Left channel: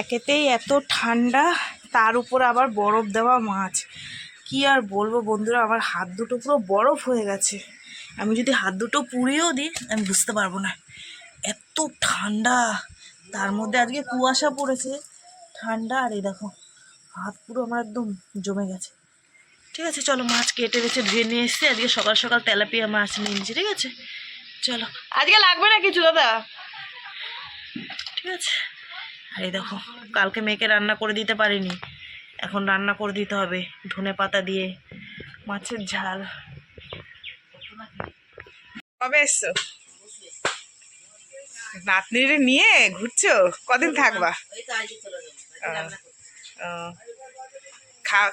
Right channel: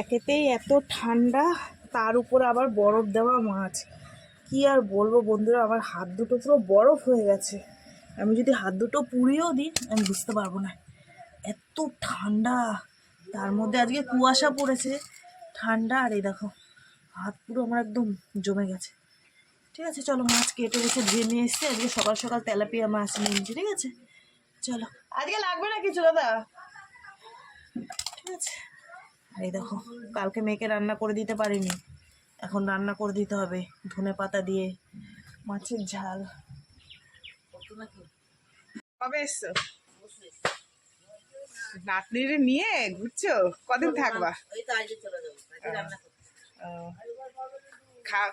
একেতেই এত ঠান্ডা, তার উপর আবার বরফ দেওয়া মাছ। কি আর বলবো বন্ধুরা, আমার হাত দুটো পুরো বরফ হয়ে গেছে। আমি যদি হাত দুটো পুড়িয়েও দিই আমি বুঝতে পারবো না, এত ঠান্ডা। তার মধ্যে আজকে কুয়াশা পড়েছে, ঠান্ডা। আর এই দেখো হাত পুরো আমার একদম জমে গেছে। ঠিক আছে চলো, মাছ কেটে রেখে ধুয়ে নিয়ে এসছি। আজকে সকাল সকাল তেলাপিয়া মাছ নিয়ে নিয়েছি। ঠিক আছে চলো, আজকে লাগবে না কিছু দাদা। ঠিক আছে। আর এই দেখো কালকে মেয়েকে রান্না করে দিতে পারিনি, এখন রান্না করে দিতে হবে ধনে পাতা দিয়ে মাছের ঝাল। কবে এসছো? নাতনিরে নিয়ে ঘুরছো? কদিন থাকবা?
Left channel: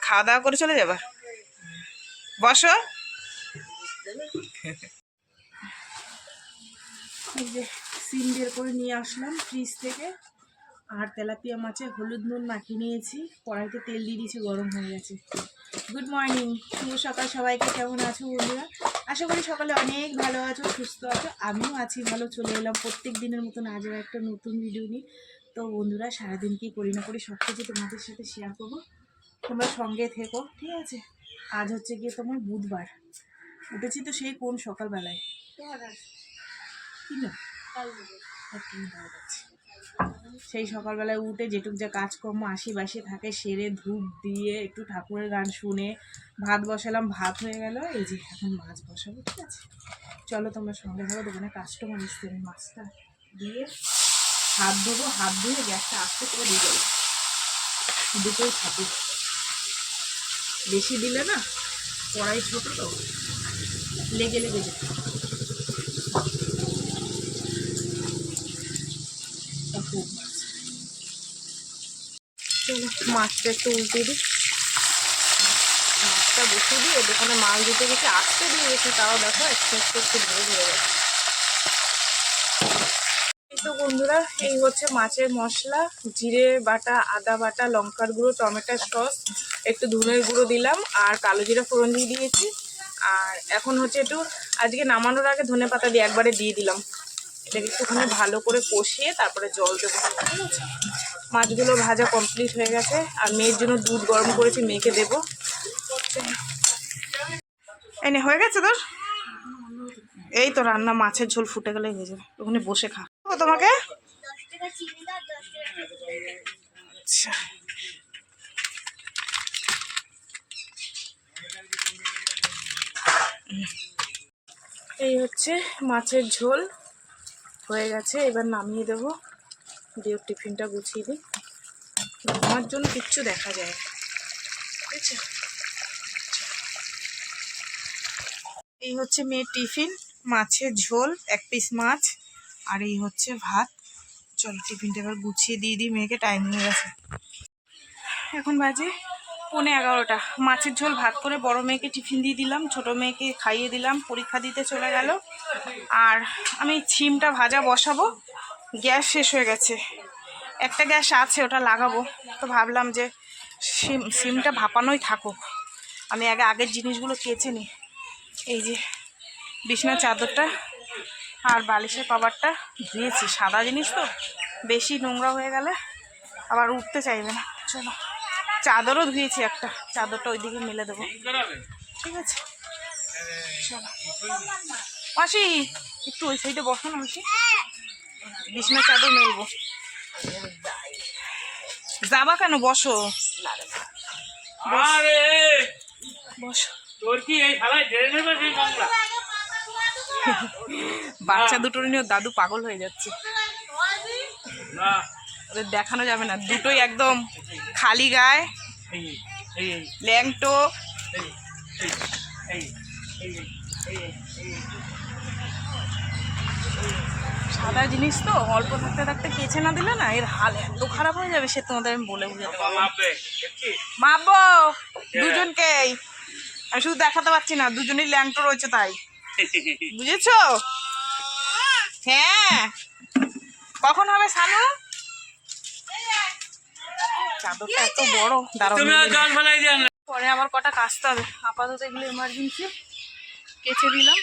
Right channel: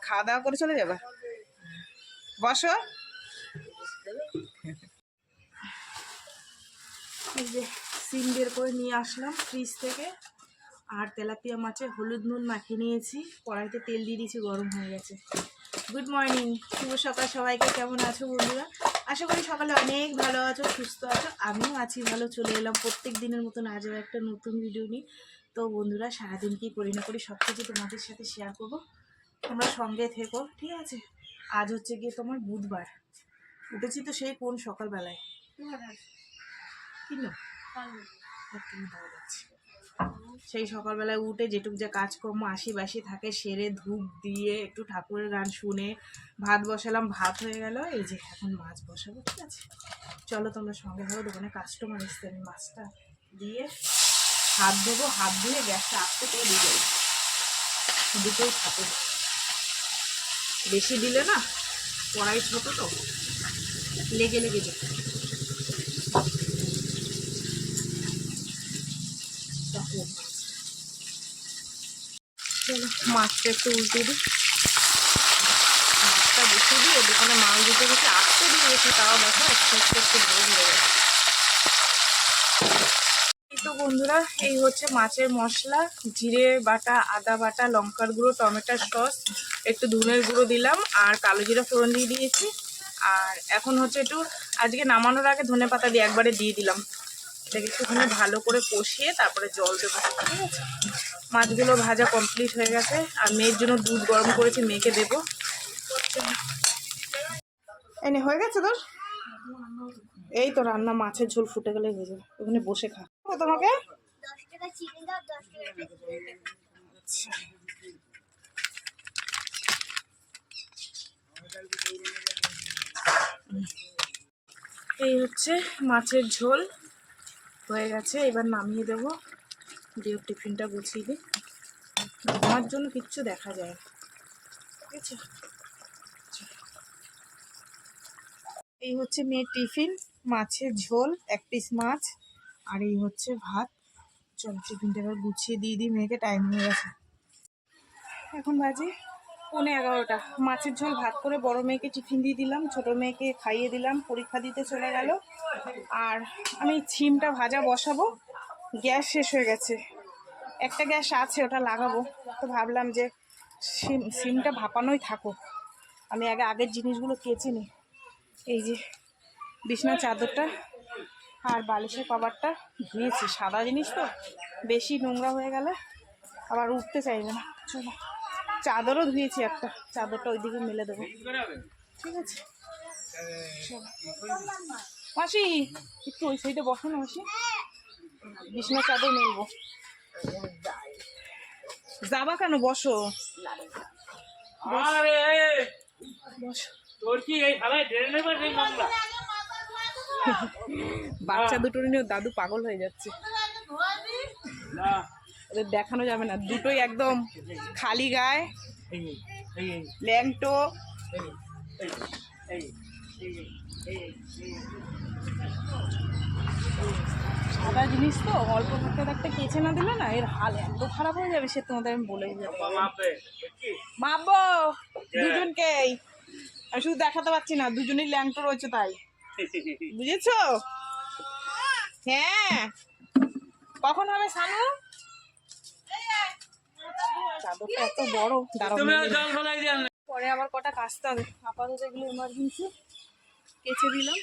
খাওয়া দাওয়া করে চলে যাবা? বসো। এই যে সিম বের করে নিয়ে আসলাম ফ্রিজ থেকে, আর তেলাপিয়া মাছে হলুদ নুন মাখিয়ে নিয়েছি, কড়াইতে তেল দিয়ে দিয়েছি, গরম হয়ে গেছে। গুড মর্নিং, শুভ সকাল সবাইকে। কেমন আছো বন্ধুরা? আশা করি সকালে অনেক ভালো আছো, সুস্থ আছো। আমিও আছি ভালো। চলে এলাম প্রত্যেক দিনের মতন আজও একটা নতুন ভিডিও নিয়ে। তো বন্ধুরা সারাদিন কি করি না করি সব কিছু তোমাদের সাথে শেয়ার করবো, তোমরা সঙ্গে থেকো। ঠিক আছে। আজ হচ্ছে গিয়ে তোমার বুধবার। উঠেছি তো সেই কোন সকালবেলায়, সেই সকালবেলায় উঠে যেটুক যা কাজকর্ম আশি থাকে সেরে ধূপ দিয়ে একটু ঠাকুরের গান শুনে ভাত বসালাম, ভাত হয়ে গেল। এই যে এখন মাছ বসাবো। ঠিক আছে চলো তোমরা সঙ্গে থাকো। দোকানে কাস্টমার এসছে, আমি মাছটা দিয়ে হাত ধোবো, হাত ধুয়ে গ্যাসটা আস্তে করে দিয়ে দেবো। দুটোই থাকুক, বেশি দিলে না কড়াই ছোটো তো লেগে যেত। চলো মাছটা একটু উল্টে দিই, মাছটা বসিয়ে দিই। দোকানে মাছ দিতে গেছে, আসতে দিয়ে গেছি, তাও দেখো একটু ধরে গেছে। এই তো বন্ধুরা, এই হচ্ছে মাছের মশলা, জিরে বাটা, আদা বাটা, লঙ্কার গুঁড়ো, টমেটোর সস, একটু ধনের গুঁড়ো দিলাম, আর কালো জিরা ফোড়ন দিয়ে দিয়েছি। আর এখন হচ্ছে একটু আজকে নামানোর আগে ধনে পাতা দিয়ে একবারে দিয়ে দিলাম। এটাকে একটুখানি ভালো করে কষিয়ে তারপরে জল দেবো। ঠিক আছে, মাছগুলো ভাজা কমপ্লিট হয়ে গেছে। আর মেয়ের জন্য দুধ গরম করেছি, মেয়েকে দেবো। এনে হয়ে গেছে তোর? এই তো রান্না, মাছের ঝোল ফুটে গেলেই হয়ে যাবে। ওখানে বসে খা তোমাকে। আচ্ছা এই হচ্ছে মাছের ঝোল হয়ে গেছে, এবার নামিয়ে দেবো। দিয়ে টিফিনটা গুছিয়ে দিই, আমার জন্য কিচ্ছু দেখা যায়। ঠিক আছে, এই হচ্ছে মেয়ের টিফিন, মাছের ঝোল, এক পিস মাছ, আর এই হচ্ছে ভাত। চলো টিফিনটা এবার গুছিয়ে দিয়ে দিই, মেয়েকে টাইম হয়ে গেছে। এখন বাজে 11:30। মাছের ঝোল ভাত করে বড় মেয়েকে টিফিন দিয়ে দিলাম, ছোট মেয়েকে খাইয়ে দিলাম, পরীক্ষা দিতে চলে গেল। আর আমি সিমটা ভাজা বসাবো, গ্যাস শেষ হয়ে গেছে, একটা গ্যাস আছে ওটা লাগাবো। তো ভাবলাম যে সিমটা ভাপানোই থাকুক, আমি আগের জিনিসগুলো কেচে নিই। এই যে বিছানার চাদরটা আর বালিশের কভারটা ধুয়েছি, সাদা জিনিস তো বেশি নোংরা হয়ে গেলে আবার উঠতে চাইবে না। চলো চাদরও ধুয়েছি, একটা চাদরটা ওইদিকে মেলে দেবো। ঠিক আছে চলো। মাসি একটু ওই সাইডে বসো না মাসি, বিছানার চাদর মেলবো। যাবা কেন? বসো বসো। বাচ্চা দুটোর নিয়ে দাদু পাগল হয়ে যাচ্ছে, ওদের দেখানো যাবে না। দুটোই একদম খালি গায়ে, ল্যাংটো। সাদা জিনিস তো অল্প থাকতে থাকতে কেচে না দিলে না এর হাল এত খারাপ হয়ে যাবে, সে তোমাদের আমি বলে বুঝাতে পারবো না। মাপবো দুজনকেই, আমি শুধু দেখাতে পারছি না, দুজনেই ল্যাংটো রয়েছে তাই, বুঝেছো? হ্যাঁ কখন হবে সানু? চাদরটা এত বড়, দাঁড়াও পরে আবার কটা কাচতে হবে। আপাতত এগুলো এমার্জেন্সি কেচে দিলাম,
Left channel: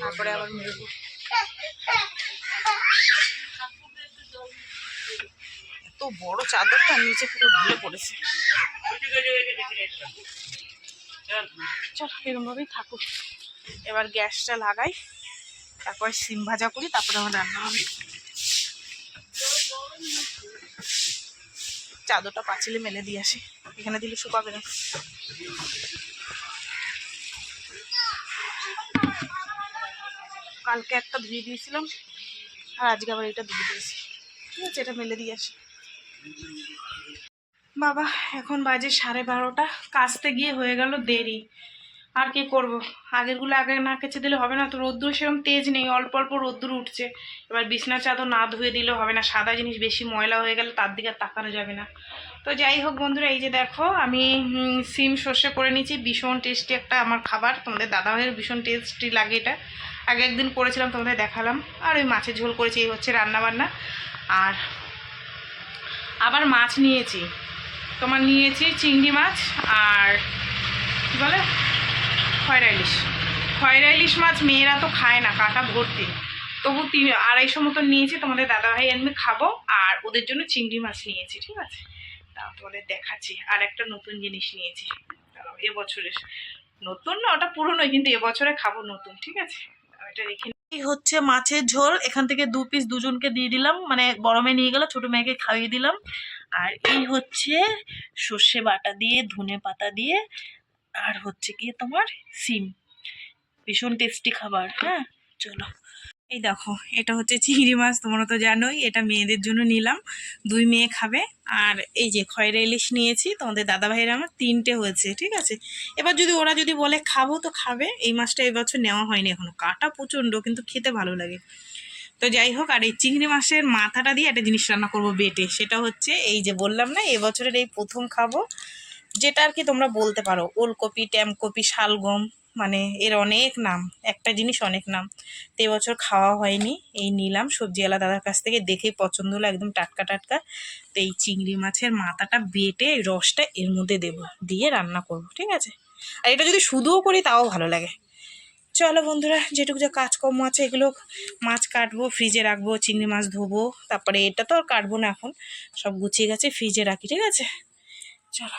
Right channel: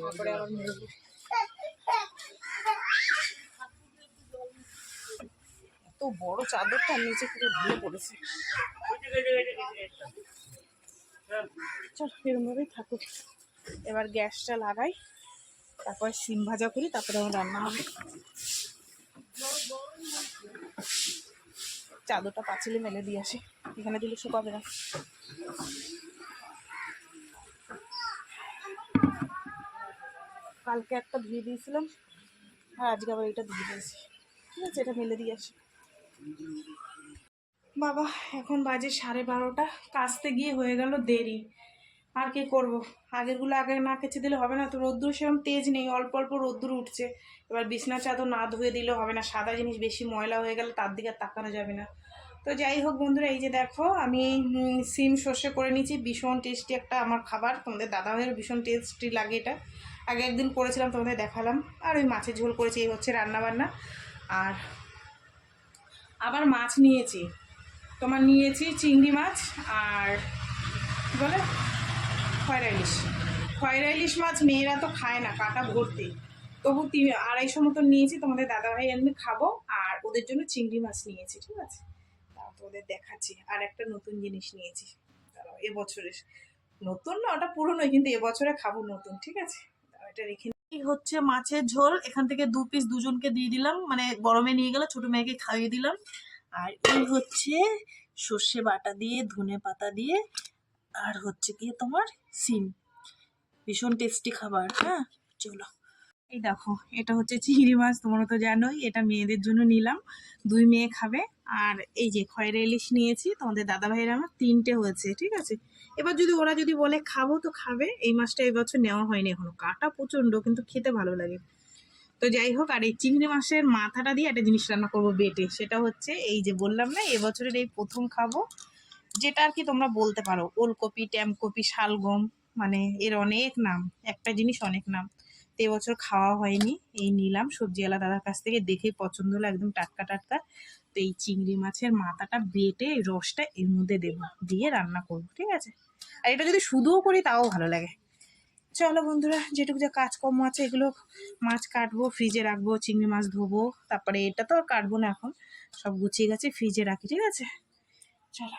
তারপরে আবার মেলবো। বড় চাদরটা নিচে পুরো ঢুলে পড়েছে। চল এরকম ভাবেই থাকুক। এবার গ্যাসটা লাগাই, তারপর সিম ভাজা করি, তারপরে আমার রান্না হবে। চাদরটা পাঁচিলে মেলে দিয়ে আসি, এখানে দিলে শুকাবে না। কালকে একটা ধুয়ে দিয়েছিলাম আর আজকে আবার এটা ধুয়ে দিয়েছি। ঠিক আছে, এটা মেলে দিয়ে আসি। বাবা এখন বাজে 12:30, কাচতে গিয়ে হয়ে গেল দেরি। আর কি করব, আগেরগুলো আগে না কেচে দিলে হবে না তো। রোদ্দুর সেরকম তেজ নেই, অল্প অল্প রোদ্দুর উঠছে। এবার বিছনা চাদর না ধুয়ে দিলেও হবে না, সাদা জিনিস বেশি ময়লা হয়ে গেলে তার দিকে তাকানো যাবে না। তো যাই হোক বন্ধুরা, এই যে দেখো আমি সিম সর্ষে করে নিয়েছি। ভীষণ টেস্টি একটা আমার খাবার, তোমাদের দাদাভাইয়ের ভীষণ টেস্টি লাগে এটা। আগে একদিন করেছিলাম, তোমাদের দেখালাম। আর ওই মাছের ঝোল করেছি, এই হচ্ছে রান্নাবান্না। আর আবার মাছ নিয়েছি, তোমার নিয়েছি চিংড়ি মাছ আর কী বলে খয়রা ইলিশ। খয়রা ইলিশ মাছ মেয়েরা তো খায় না, কাটা ভর্তি। তবু 250 মতন নিয়েছি, তোমাদের দাদাভাই আমি খাবো। আর ওদের জন্য চিংড়ি মাছ নিয়েছি। ঠিক আছে, তাও তোমাদের দেখাচ্ছি। আর একটা নতুন জিনিস নিয়েছি, এবছরের নতুন না, ওটা পুরনোই, কিন্তু এবছরে খাবো নতুন। ঠিক আছে, এটা রেখে। এই হচ্ছে মাছের ঝোল, এখান থেকে 2 পিস দুজনকে দিয়ে দিলাম, মানে বড় মেয়ে নিয়ে গেল, ছোট মেয়েকে খাইয়ে দিলাম। আর এই হচ্ছে সর্ষে বাটা দিয়ে, ধনে পাতা দিয়ে, আর হচ্ছে কি তোমার সিম। ভীষণ টেস্টি খাবার। হ্যাঁ চলো, এই দেখো এটা হচ্ছে চিংড়ি মাছ, তোমরা তো জানোই। এটা মেয়েদের জন্য নিলাম, 2 মেয়ে খাবে। আর এই যে খয়রা ইলিশ নিয়েছি, তোমাদের দাদা ভাইয়ের আমার 3টে হয়েছে। ঠিক আছে, এবার যদি ওরা যদি বলে খাবো তো খাবে। এই মাছটা এবছর নেওয়া হয়নি এখনো, কাটা প্রচণ্ড, কিন্তু খেতে ভালো লাগে। তো যাই হোক, আর এই চিংড়ি মাছের মাথাটা দিয়ে একটা জিনিস রান্না করবো বেটে, সেটা হচ্ছে এই যে বললাম না, এবছরের এই প্রথম খাবো। যেটা আর কি তোমরা বলতে পারো ওলকপি, ট্যামকপি, শালগম, মানে এর অনেক নাম, একটা জিনিস অনেক নাম। তো এবছর খাওয়া হয়নি, এই নিলাম সবজিওয়ালা দাদার কাছ থেকে, দেখেই পছন্দ হলো, একদম টাটকা টাটকা। তো এই চিংড়ি মাছের মাথাটা বেটে রসটা এর মধ্যে দেবো, দিয়ে রান্না করবো। ঠিক আছে, আর এটা যদি শুধুও করি তাও ভালো লাগে। চলো বন্ধুরা, যেটুকু যা কাজকর্ম আছে এগুলো, মাছ কাটবো, ফ্রিজে রাখবো, চিংড়ি মাছ ধোবো, তারপরে এটা তো আর কাটবো না এখন, সব গুছিয়ে গেছে ফ্রিজে রাখি। ঠিক আছে চলো।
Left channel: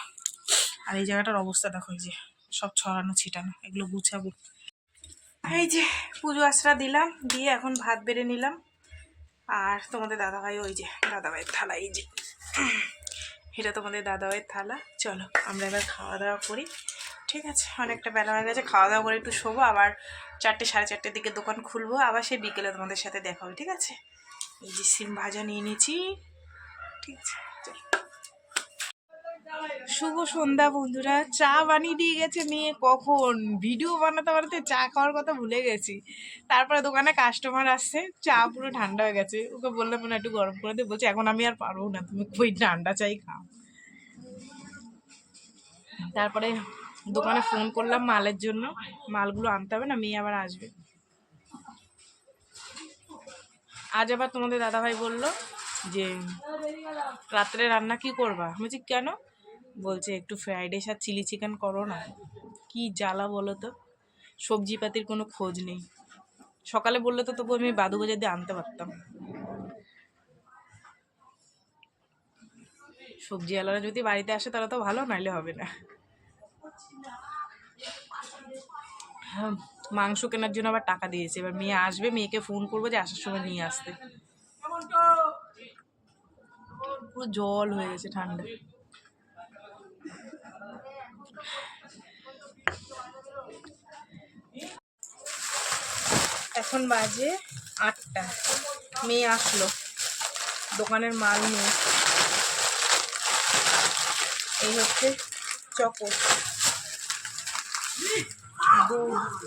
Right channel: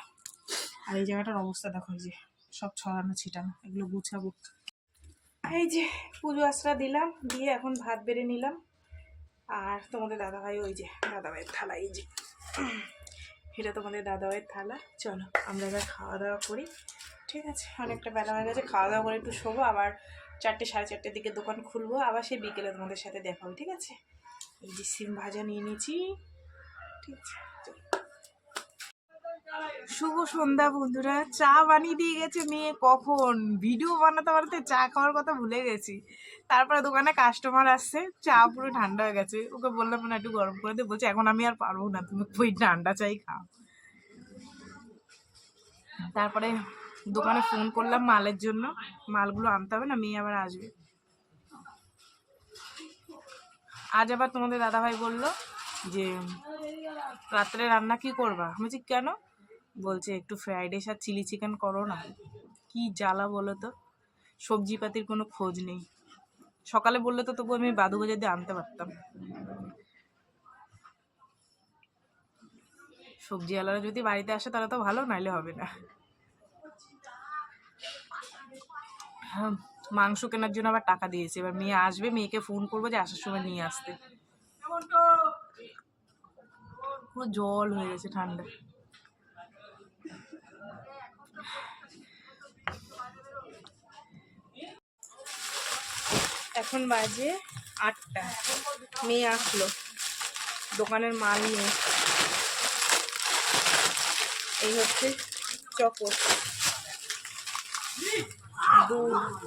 আর এই জায়গাটার অবস্থা দেখো, এই যে সব ছড়ানো ছিটানো, এগুলো গুছাবো। এই যে পুজো আশ্রা দিলাম, দিয়ে এখন ভাত বেড়ে নিলাম। আর তোমাদের দাদাভাই, ওই যে দাদাভাইয়ের থালা, এই যে এটা তোমাদের দাদাভাইয়ের থালা। চলো আমরা এবার খাওয়া দাওয়া করি। ঠিক আছে, অনেকটা বেলা হয়ে গেছে, খাওয়া দাওয়া করে একটু শোবো। আবার 4টে 4:30 দিকে দোকান খুলবো, আবার সেই বিকেলে তোমাদের সাথে দেখা হবে। ঠিক আছে, এই যে সিম ভাজা নিয়ে নিয়েছি। ঠিক আছে, শুভ সন্ধ্যা বন্ধুরা। চা বানিয়ে দিয়ে গেছে মেয়ে, কখন ভিডিও বানাতে বানাতে চা খাওয়ার কথা ভুলে গেছি। তারপরে দোকানে কাস্টমার আসছে, চা পুরো ঠান্ডা হয়ে গেছে। ওকে বললাম না একটু গরম করে দিয়ে, বলছে এখন আমি আর পারবো না, তুমি ওই ঠান্ডা চাই খাও। তারপরে দোকানে ফোন করলাম মালের জন্য, মালগুলো আনতে হবে না, মেয়ে আবার আসবে। আজ আবার তোমাদের দাদাভাই বললো যে রাত্রে রান্না কি করবা। আমি বলছি কেন, বলছে একটু ফ্রাইড রাইস আর চিলি চিকেন করো না। কি জ্বালা বলো তো, সবজিপাতির কোনো খোঁজ নেই। সকালে বললে তো তবু আমি বাদু বাজার দিয়ে আনতে পারতাম। সবজিওয়ালারা যদি বাড়িতে আসে তাহলে তো ভালো, নাইলে হবে না। হ্যাঁ, মাংস কেনার জন্য আবার টাকা দিয়েছে, এবার মেয়ে আসবে, মেয়েকে ফোন করবো যে আসার সময় নিয়ে আসতে। পুরো জল হয়ে গেছে ঠান্ডা। এখন বাজে 8টা, মেয়ে আসলো দোকানের মাল নিয়ে। এই হচ্ছে চকো, দুধ,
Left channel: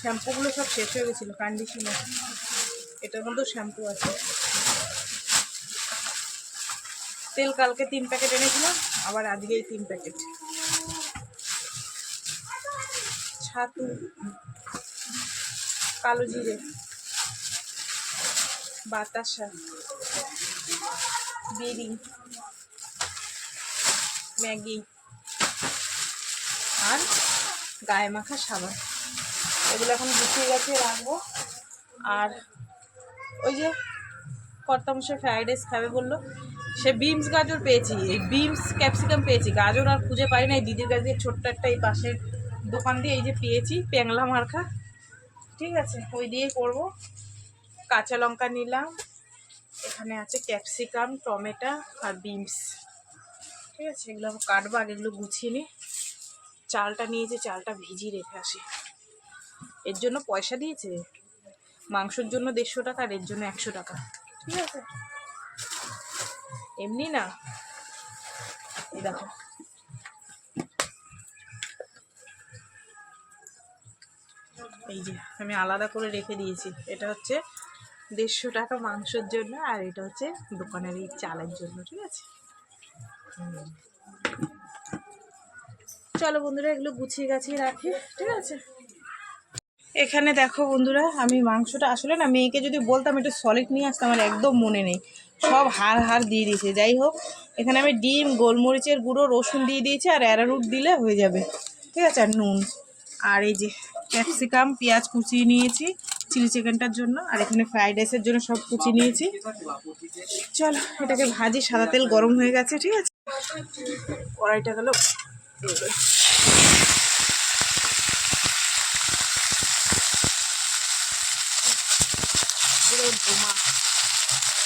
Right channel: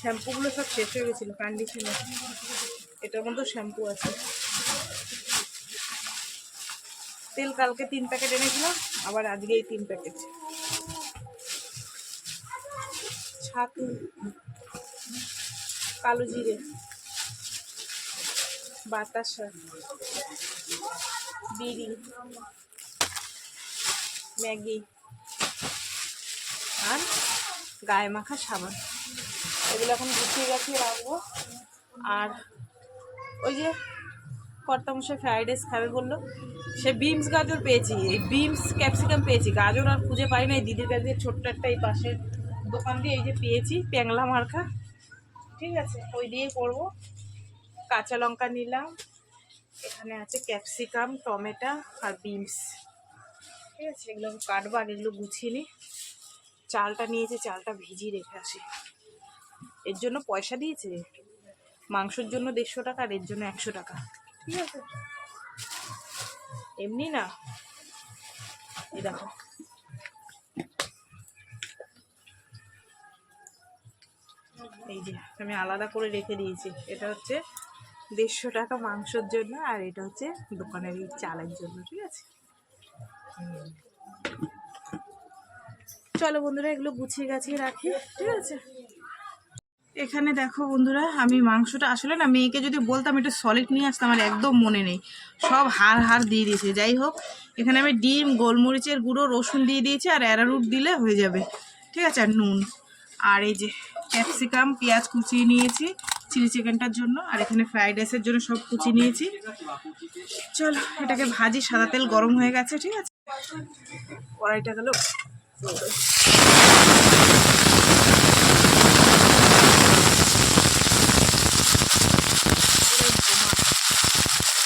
শ্যাম্পুগুলো সব শেষ হয়ে গেছিলো, কন্ডিশনার, এটার মধ্যেও শ্যাম্পু আছে। তেল কালকে 3 প্যাকেট এনেছিলাম, আবার আজকে এই 3 প্যাকেট। ছাতু, কালো জিরে, বাতাসা, বিড়ি, ম্যাগি আর গায়ে মাখা সাবান, এগুলো এখন গুছিয়ে গেছে রাখবো। আর ওই যে কর্তামশাই ফ্রাইড রাইস খাবে বললো, সে বিমস গাজর পেয়েছি, এই বিমস ক্যাপসিকাম পেয়েছি, গাজর আর খুঁজে পাই না। এই দিদির কাছে ছোট্ট একটা এই পাশের দোকান দিয়ে এই যে পেয়েছি প্যাংলা মার্কা, ঠিক আছে, ওই দিয়েই করবো। কাঁচা লঙ্কা নিলাম, এখানে আছে ক্যাপসিকাম, টমেটো আর বিমস, ঠিক আছে, এগুলো কাটবো, আগে এগুলো গুছিয়ে নিই। চালটা নিয়েছি, চালটা ভিজিয়ে রেখে আসি। এর জন্য পয়সা দিয়েছে, মাংসের জন্য 150 টাকা আর এর জন্য 100 টাকা, ঠিক আছে, এমনি না। এই দেখো, এই যে আমি আলাদা করে রেখে দিয়েছি, এটা হচ্ছে 150 টাকা মাংসের জন্য আর এটা হচ্ছে দোকানের এই চালের জন্য, ঠিক আছে। চলো বন্ধুরা, এগুলো গুছিয়ে গাছিয়ে রাখি, ঠিক আছে। এখানে দেখো বন্ধুরা, আমি মাংসটা আসলে না মেয়েকে যদি বলতাম একটু সলিড নিয়ে আসতাম, আমার একদম মনে নেই, সব হাড় দিয়ে দিয়েছে। যাই হোক, এখানে আমি ডিম, গোলমরিচের গুঁড়ো, রসুন দিয়ে দিয়েছি আর অ্যারারুট দিলে হয়ে যাবে, ঠিক আছে, আর নুন। আর এই যে ক্যাপসিকাম, পেঁয়াজ কুচিয়ে নিয়েছি চিলি চিকেনটার জন্য, আর এখানে ফ্রাইড রাইসের জন্য সব কুচিয়ে নিয়েছি। চলো এটাকে ভাজি, সাদা তেল গরম হয়ে গেছে, ঠিক আছে, কড়াইটা গেল।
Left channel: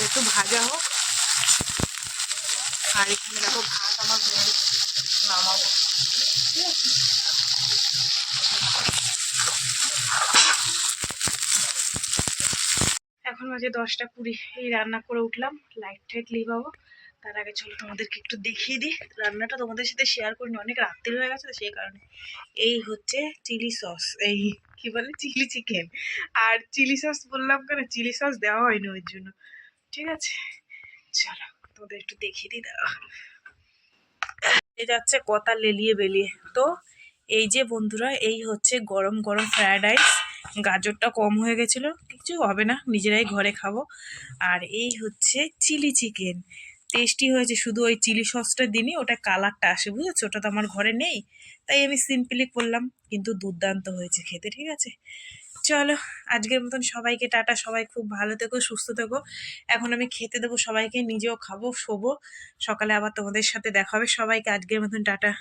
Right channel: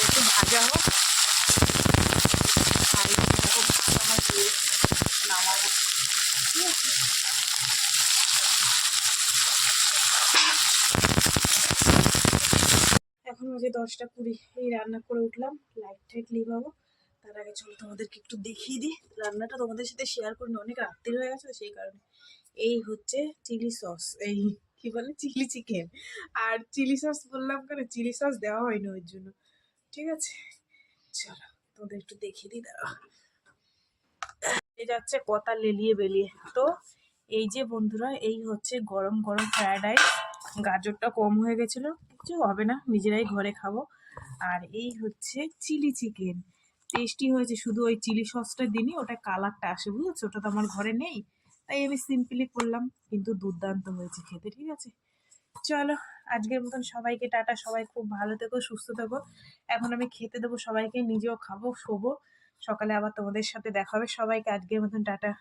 একটু ভাজা হোক, আর এখানে দেখো ভাত আমার হয়ে নামাবো, ঠিক আছে। এখন বাজে 10টা 20, এই রান্না করে উঠলাম, লাইট টাইট লিভাবো। তার আগে চলো তোমাদেরকে একটু দেখিয়ে দিই, রান্নাটা তোমাদের সাথে শেয়ার করিনি, অনেক রাত্রি হয়ে গেছে, সেই কারণে। এই হচ্ছে চিলি সস, এই কি বলে চিলি চিকেন, আর চিলি সস বললাম কেন, চিলি সস দেওয়া হয়নি ওই জন্য, ঠিক আছে। চলো তোমাদের একটু দেখিয়ে দিই, দাঁড়া, এই যাচ্ছে কথা লেলিয়ে বেলিয়ে। তো এই যে বন্ধুরা, এই হচ্ছে গরম গরম ফ্রায়েড রাইস, গাজরটা কম হয়ে গেছিলো, কিছু হবে না, নিজেরাই ঘরে খাবো। আর এই হচ্ছে চিলি চিকেন, টেস্টি হয়েছে, শুধু ওই চিলি সসটা দিনই ওটা কালারটা আসে, বুঝেছো, ওটা তো আমার ঘরে নেই, তাই আমি সিম্পলি করলাম, কিন্তু দুর্দান্ত হয়েছে খেতে, ঠিক আছে। চলো আজকের মতন সবাইকে টাটা, সবাই খুব ভালো থেকো, সুস্থ থেকো। এখন আমি খেতে দেবো সবাইকে, নিজেও খাবো, শোবো, সকালে আবার তোমাদের সাথে দেখা হবে। সবাইকে আজকের মতন টাটা।